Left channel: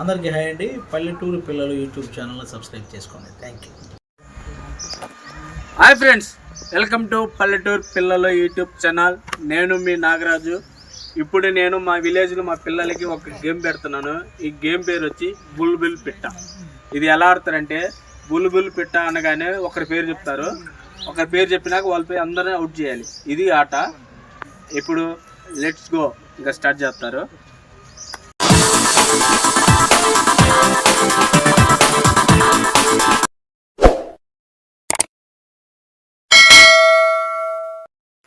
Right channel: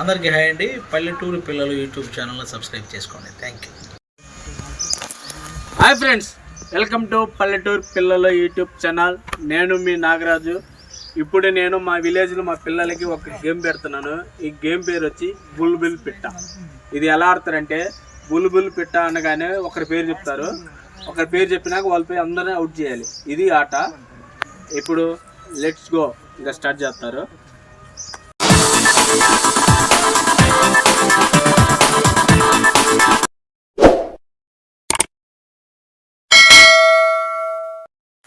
అందరికీ హాయ్ అండి. పల్లెటూరు పిల్లలు యూట్యూబ్ ఛానల్ని సబ్స్క్రైబ్ చేసుకోండి. Thank you hi friends welcome to పల్లెటూరు పిల్లల యూట్యూబ్ ఛానల్. నేను మీ నాగరాజు. ఇప్పుడు నేను మా విలేజ్లో మా పిల్లలకి ఒక గేమ్ పెడుతున్నాను. ఈ గేమ్ పేరు వచ్చి బుల్బుల్ పిట్ట. ఇది ఎలా ఆడతారంటే బుల్బుల్ పిట్ట అనగానే ఒకరి పేరు చెప్తారు. ఒకరి పేరు చెప్పినాక వాళ్ళ పేరు అందరినీ అవుట్ చేయాలి. ఇది ఆట. ఇప్పుడు లెట్స్ గో ఇంకా స్టార్ట్ చేస్తారు.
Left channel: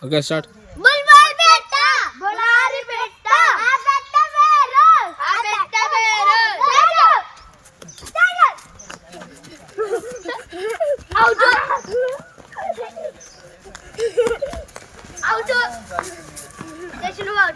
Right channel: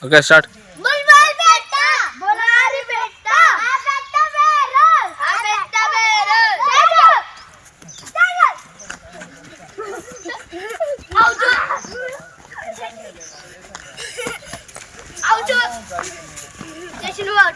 ओके स्टार्ट बुलबुल बेटा। बुलारी बेटा। आ बेटा बेरोज। आ बेटा बेरोज चलो आओ जो। आओ जो। जैसे नो आउट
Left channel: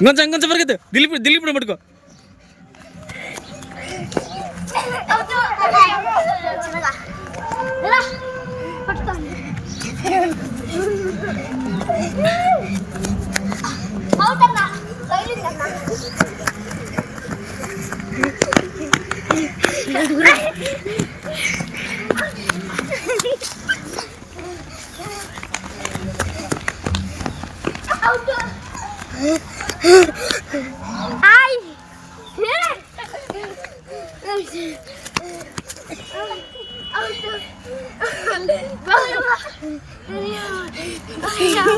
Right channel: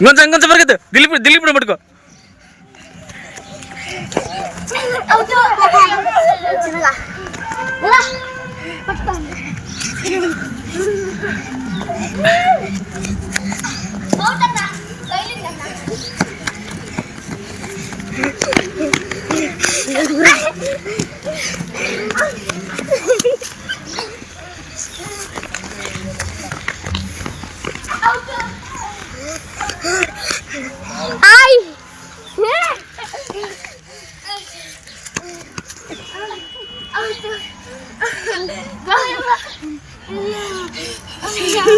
ఇంకొంచెం ఇంకొంచెం పరిగెత్తు దిలీప్ దిలీప్ పట్టుకో అవుతన్నా బయలుదేరన్నా ai Yeah.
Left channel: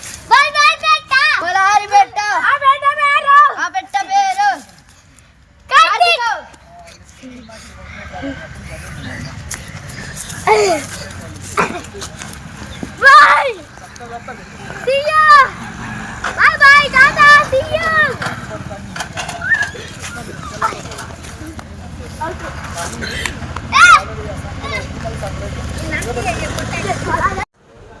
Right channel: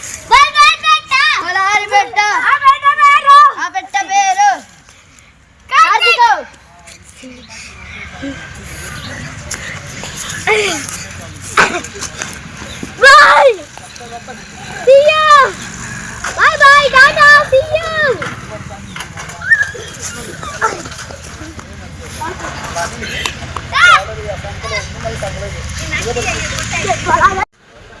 Bye See you. Bye bye, Dada. See you.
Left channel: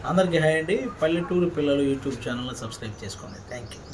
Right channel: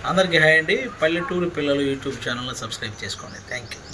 అందరికీ హాయ్ అండి పల్లెటూరు పిల్లలు యూట్యూబ్ ఛానల్ని సబ్స్క్రైబ్ చేసుకోండి థ్యాంక్ యూ